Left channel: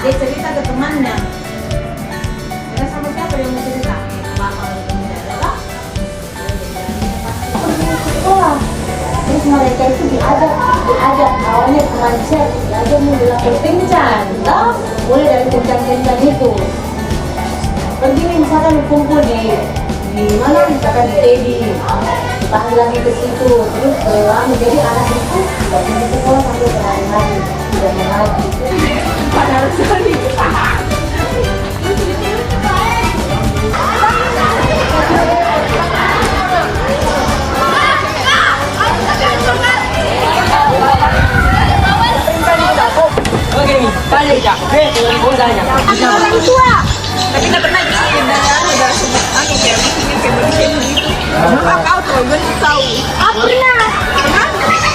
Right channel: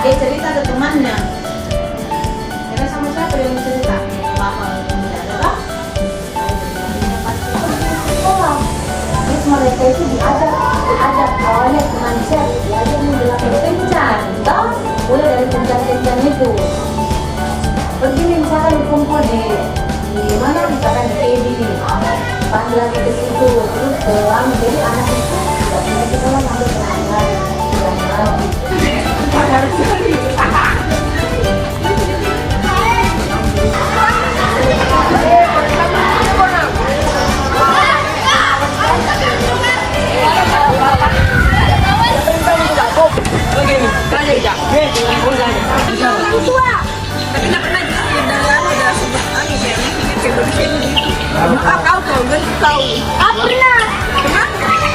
Dia cerita ke temannya. Karena sama siapa yang mau cerita? Bapak atau tidak ada? Terus mereka itu diajak awalnya pengajar, diajak menjelaskan kencan, mulai dari kencan itu. Pergi misalkan kumpul di mana, misalkan di Teddy, pas lagi ke situ, terus pulang jadi anak itu tidak punya sekolah sampai berhari-hari, lagi. Tapi tidak pernah disini udah sudah kayak begini. Maka kau tuh berarti kau. Pernah.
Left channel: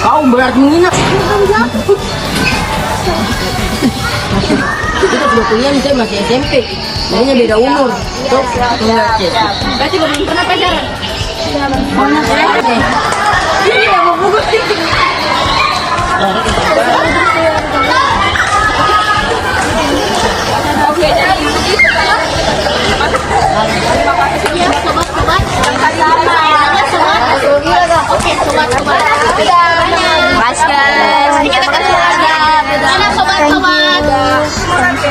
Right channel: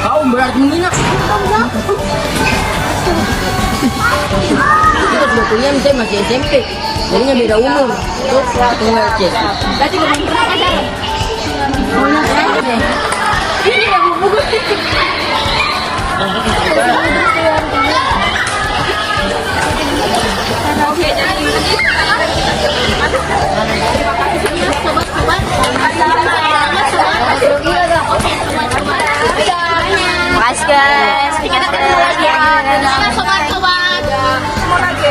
Kau berarti mengingat. Kita sudah kuliah misalnya masih SMP, jadinya beda umur. Terus berarti belum pernah pacaran. Oh, ini yang mau buku Mas guys, kita ketemu lagi ya. Sobat-sobat. Ketemu lagi.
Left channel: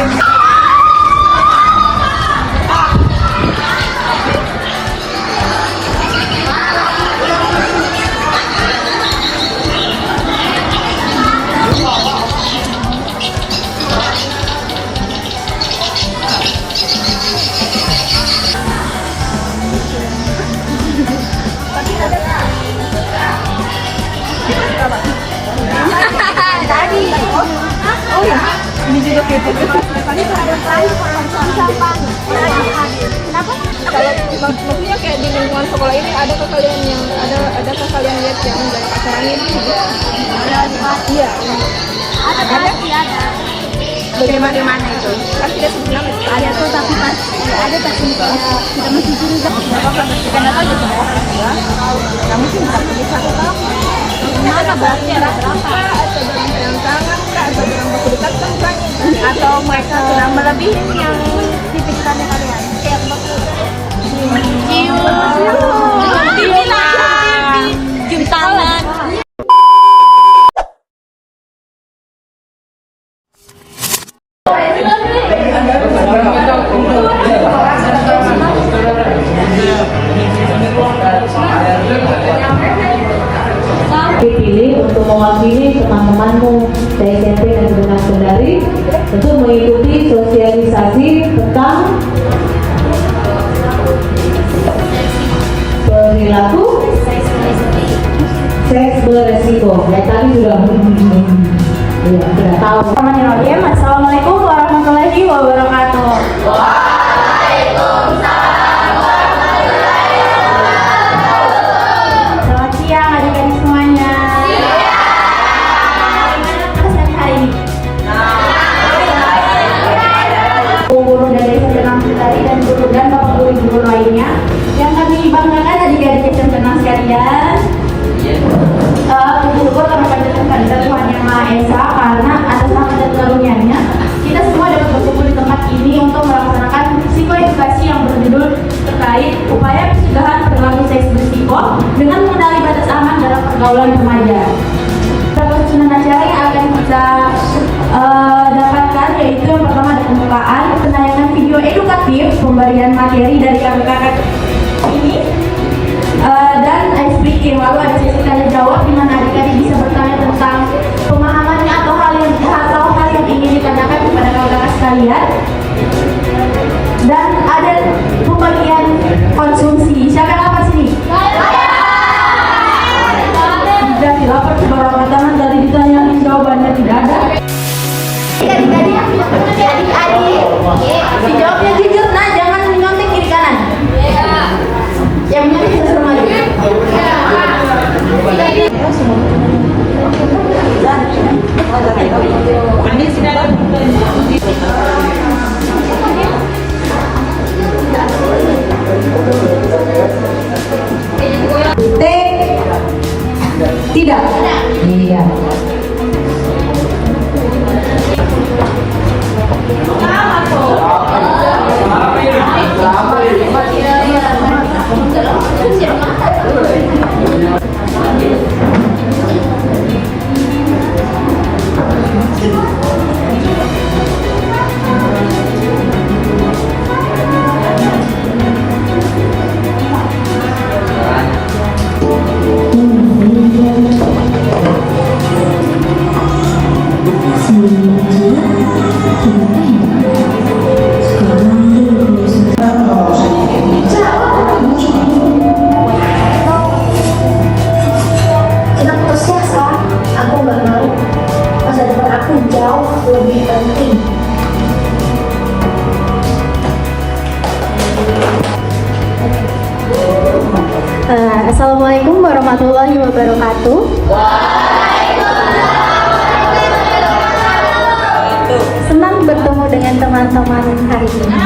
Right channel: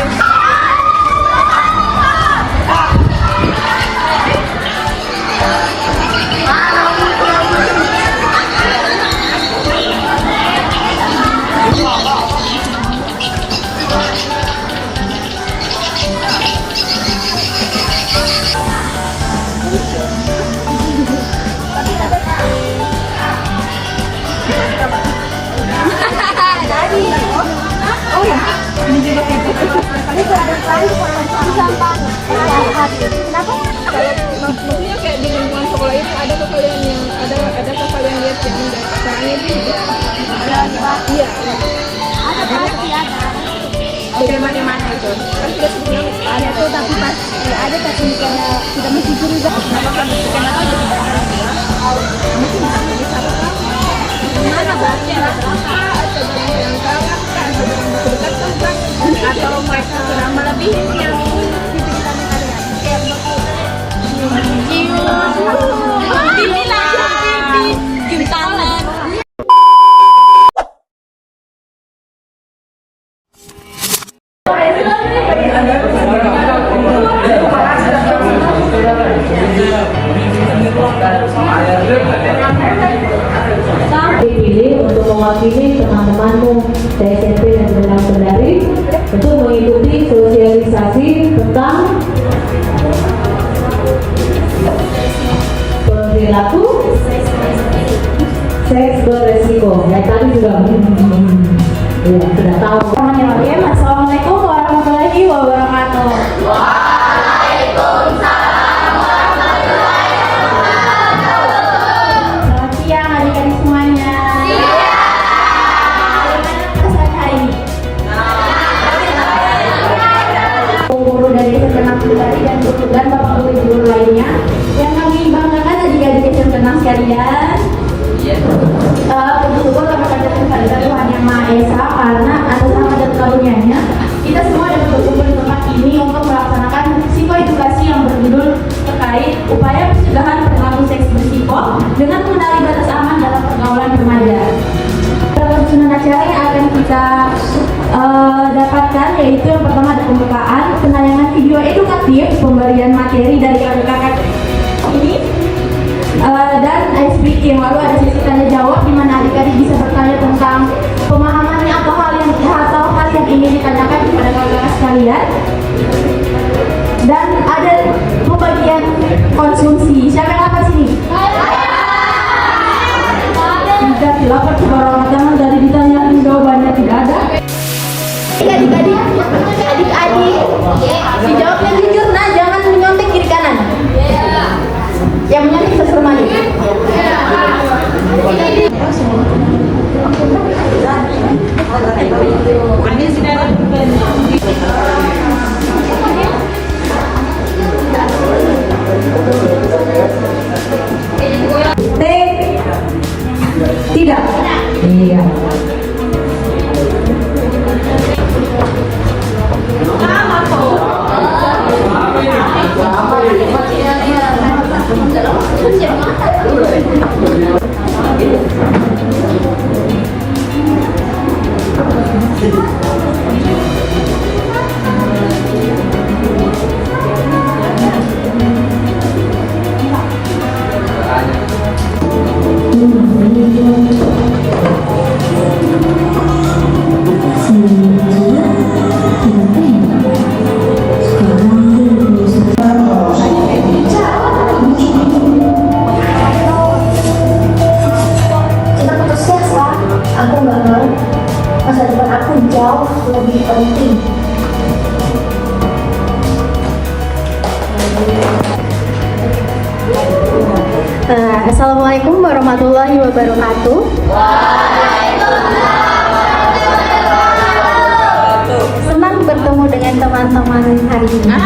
Tadi. Oh ya, ini juga kayak gitu. Ini ada maksudnya kayak di lingkungan sekolah ini ada ke kalian yang ada ke kalian lihat yang dari pacarannya itu juga Ada Pak. iya Ada pasti ada. bagaimana itu kan tidak sebenarnya Ada tuh tapi pas ada tapi kayak kita masih curiga. apa pendidikan atau aja tidak ya kamu sih bisa pergi satu kamu Mana berarti berapa atau dalam perancangan kah atau dalam baku dekat kan atau mereka sudah melebihi yang pikirannya kalian. kayak baku Cium tangan. Dipilih untuk mewakili teman-temanmu dari SMP dan Gunung Kendari untuk mengikuti sosialisasi tentang perilaku seks beresiko. Yang tadi sudah tahu. Assalamualaikum warahmatullahi wabarakatuh. Selamat siang adik-adik semuanya. Bagaimana perasaan hari ini? Guru dari SMP Kendari dan guru dan bapak guru lainnya yang kami banggakan adik-adik SMP sekalian. Bersyukur kami panjatkan kepada Tuhan Yang Maha Esa karena atas rahmat dan karunia-Nya kita semua dapat berkumpul di tempat ini untuk melaksanakan psikoedukasi yang berjudul terkait upaya pencegahan perilaku seks berisiko dengan mengenali batas aman dalam pergaulan remaja. Beberapa susunan acara yang akan kita dapatkan yaitu yang pertama ada pembukaan, penayangan video edukatif, pemberian materi dari kakak-kakak ini, dan ice breaking. Lalu ada sesi tanya jawab di mana adik-adik bisa bertanya tentang pemahamannya atau hal yang kalian ingin ditanyakan kepada kakak kalian. Dan ada pembagian konsumsi. Siapa yang apa sini? Tidak dilapor ke bawah tangan dari ditanyain jawabannya tidak ada. Adik-adik, dijawabnya jujur, nah jangan menyontek kiri kanan. Yang menyontek semuanya. T tidak. Iya. Kenapa proses lah? Aku nggak mau. Masa depan aku jauh lebih penting. Assalamualaikum warahmatullahi wabarakatuh. Senang bertemu dengan teman-teman hari ini.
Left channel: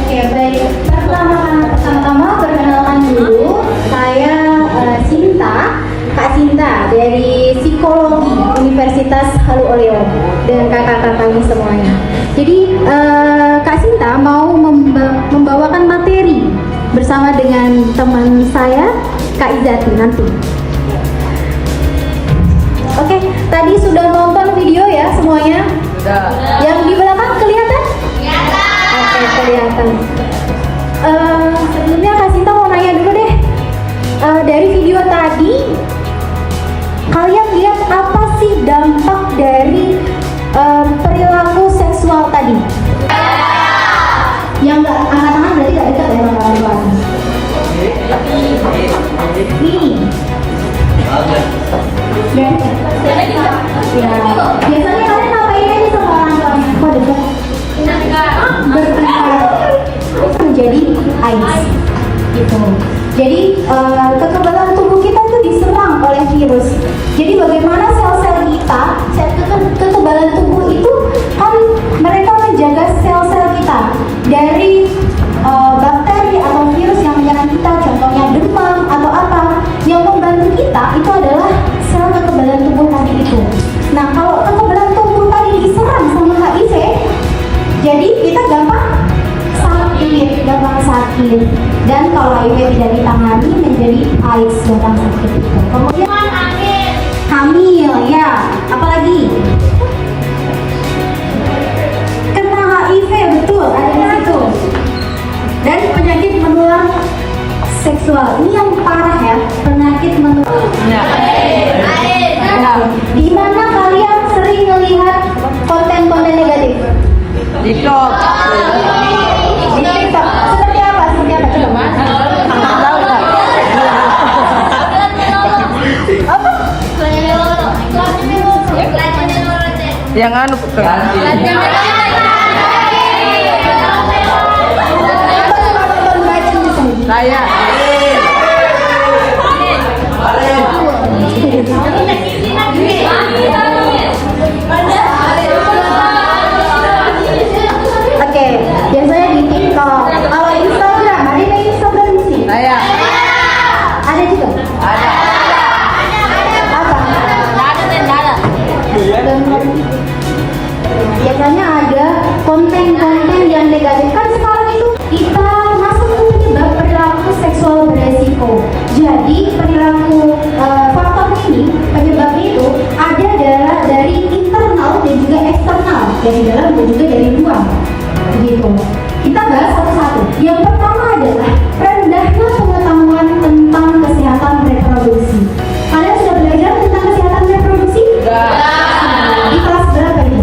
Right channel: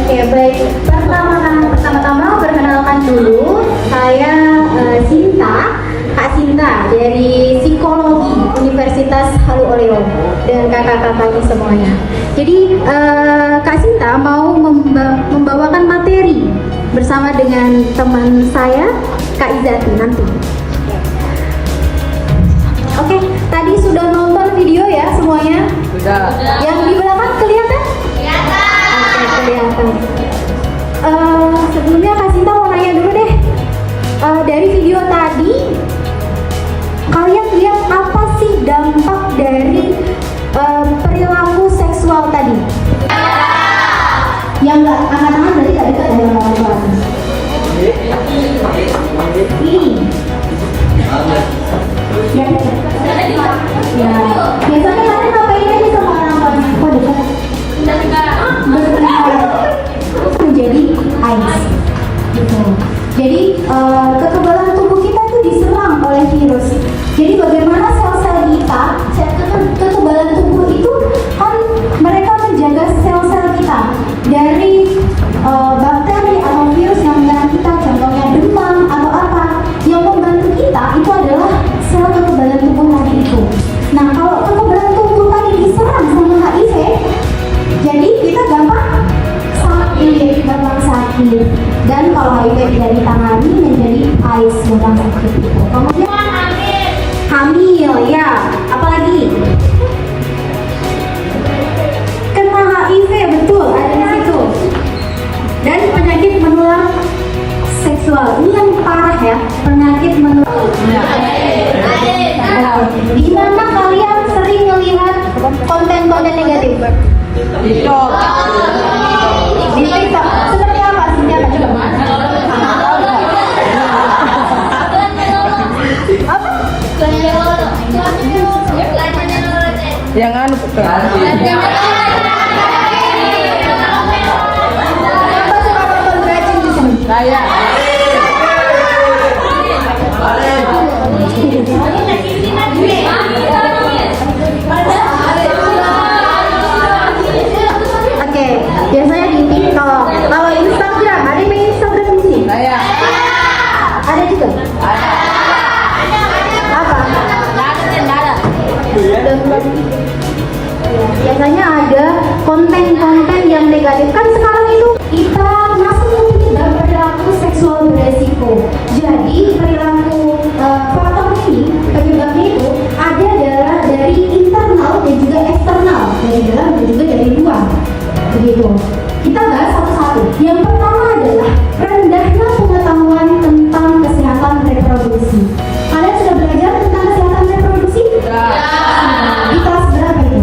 Oke, baik. Pertama-tama perkenalkan dulu, saya Sinta, Kak Sinta dari Psikologi Universitas Haluoleo dengan kakak-kakak kami semuanya. Jadi Kak Sinta mau membawakan materi bersama dengan teman saya Kak Izati nanti. Oke, tadi sudah nonton video ya semuanya? Yang di belakang kelihatan? Oke, kelihatan. Sebelumnya Kak Sinta mau nanya dulu deh. Dari video tadi, kalian lihat apa sih dampak dari perilaku seksual tadi? Yang nggak angkat tangan berarti nggak dekat dengan kawan-kawan. Ini. Ya, biasanya kalian ngapain aja sama orang tuanya? Kok dekat? Menjadi AIDS gitu. Jadi kekebalan tubuh kita itu diserang oleh virus. Jadi bagaimana sel-sel kita, kekebalan tubuh itu kan mereka menjaga sel-sel kita dari bakteri atau virus yang menyerang kita. Contohnya demam atau apa. Yang membantu kita itu adalah sel kekebalan tubuh tadi itu. Nah, kalau kekebalan tubuh tadi diserang sama HIV, jadi kita gampang sakit. Dan kalau HIV tidak ditangani menjadi AIDS gampang sakit. Kemudian hamil, ya. Apalagi kena HIV, betul, ada di situ. Dan penyakit menular seksual ini yang parah ya, penyakit menular. Di mana kalian sering melihat konten-konten negatif? TikTok. Di TikTok. Seperti apa sih? Tahu nggak? Yang anu bukan. Saya. Oke, biasanya di TikTok. Kalau Instagram, ada main Instagram di sini? Saya. Ada juga? Ada. Apa? Ada. Biasanya ada konten-konten yang negatif. Kan sekarang itu kita masuk ke perilaku seksual beresiko. Jadi perilaku faktor ini, penyebabnya itu ada dari internal dan juga eksternal, dari dalam dan juga dari luar. Begitu. Kita bahas satu-satu. Yang pertama adalah rendahnya pengetahuan tentang kesehatan reproduksi. Kalian sudah belajar tentang kesehatan reproduksi? Di kelas berapa itu?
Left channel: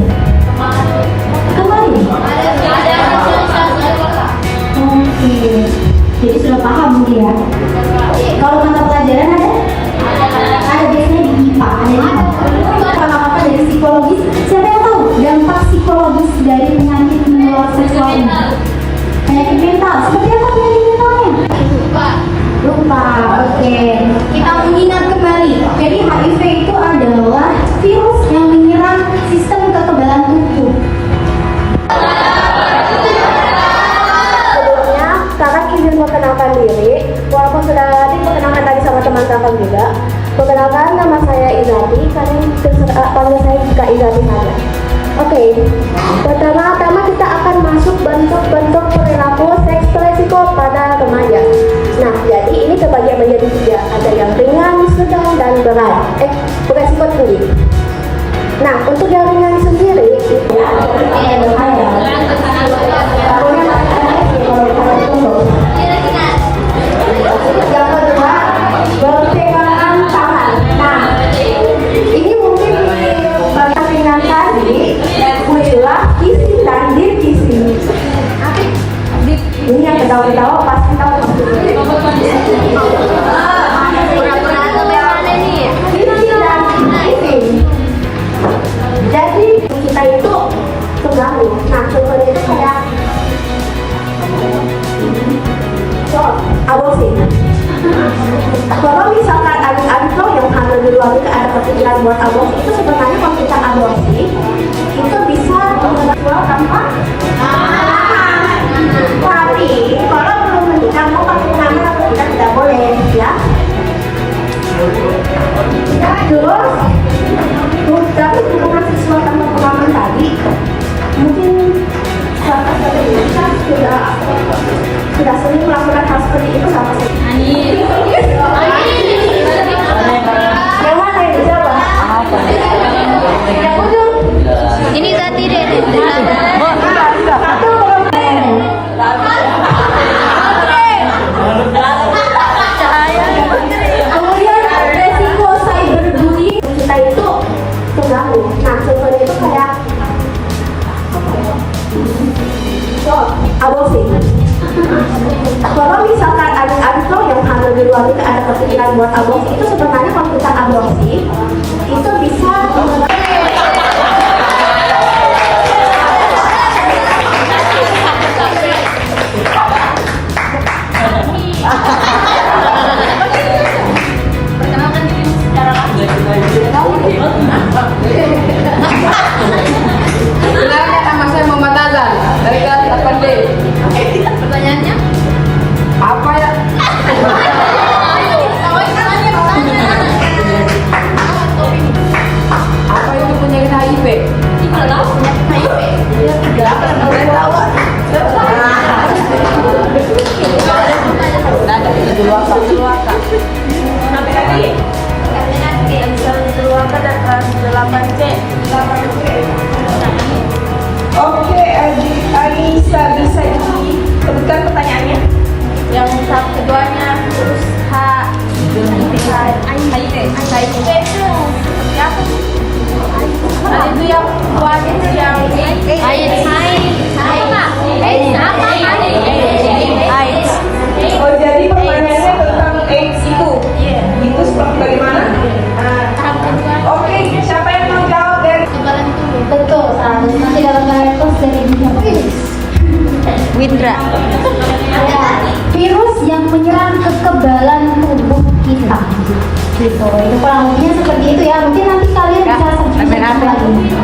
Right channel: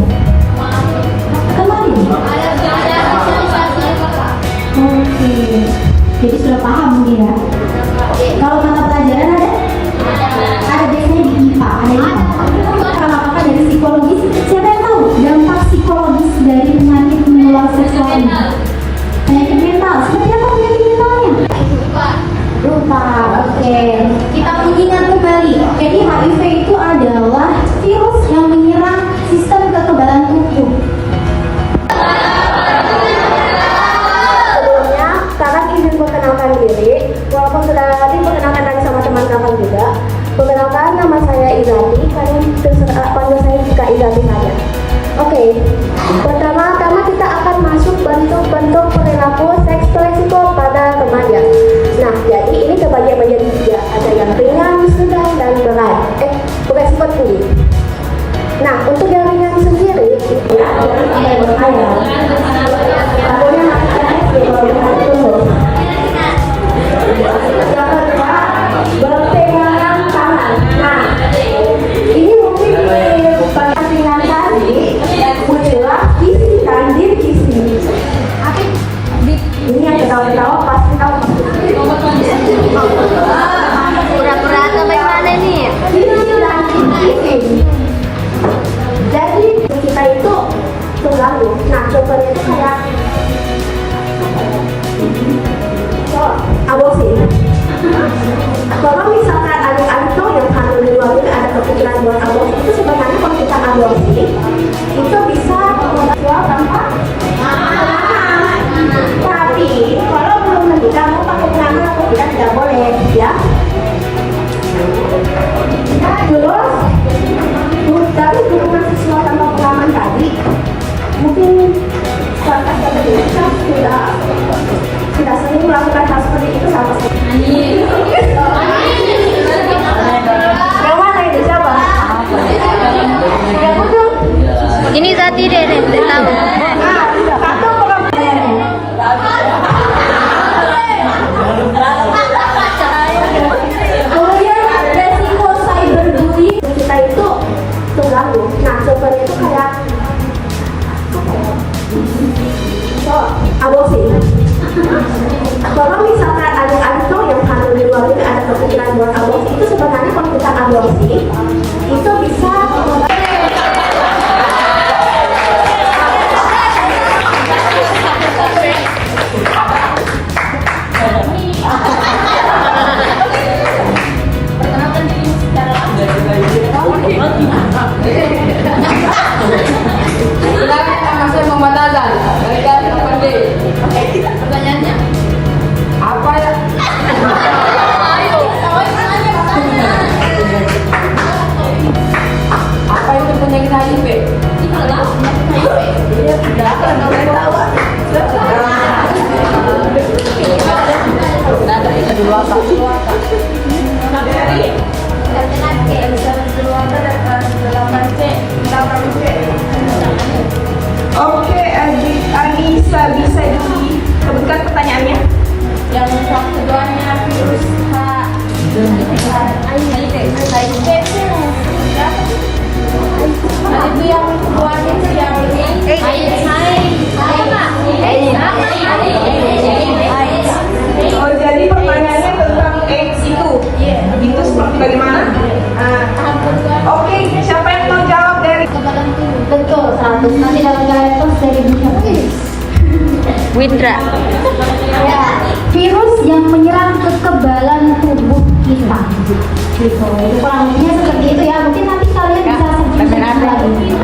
berarti deh. Kemudian resiko cyberbullying kita itu terganggu. Nah, contohnya itu kayak aborsi. Kalau misalkan adik-adik lo yang hamil di luar itu ada kepikiran buat aborsi, itu sebenarnya kalau kita aborsi itu bisa Perkenalkan dirimu secara langsung. Silakan, nama saya Muhammad Azan dari kelas 8D. Pertanyaannya? Apa ya? Apa itu penyakit HIV? Apa namanya? Saya tahu. Nada itu luaka. Sampai lagi. Oke, Anissa bisa disebutkan pertanyaannya? Yang keduanya virus HIV itu yang seperti apa sih? Nah, itu yang keduanya itu yang AIDS. Oh, jadi pertanyaannya tentang AIDS itu? Iya. Itu seperti bagaimana? Tahap kedua Oke, siapa yang menjawab dari kekebalan tubuh. betul 100. Nanti dalam layar itu saya dibikin Windra. virus yang menyerang kekebalan tubuh kita. Gitu. Itu kurang lebihnya seperti itu ya. Mungkin nanti kalian bisa main apa? kembali.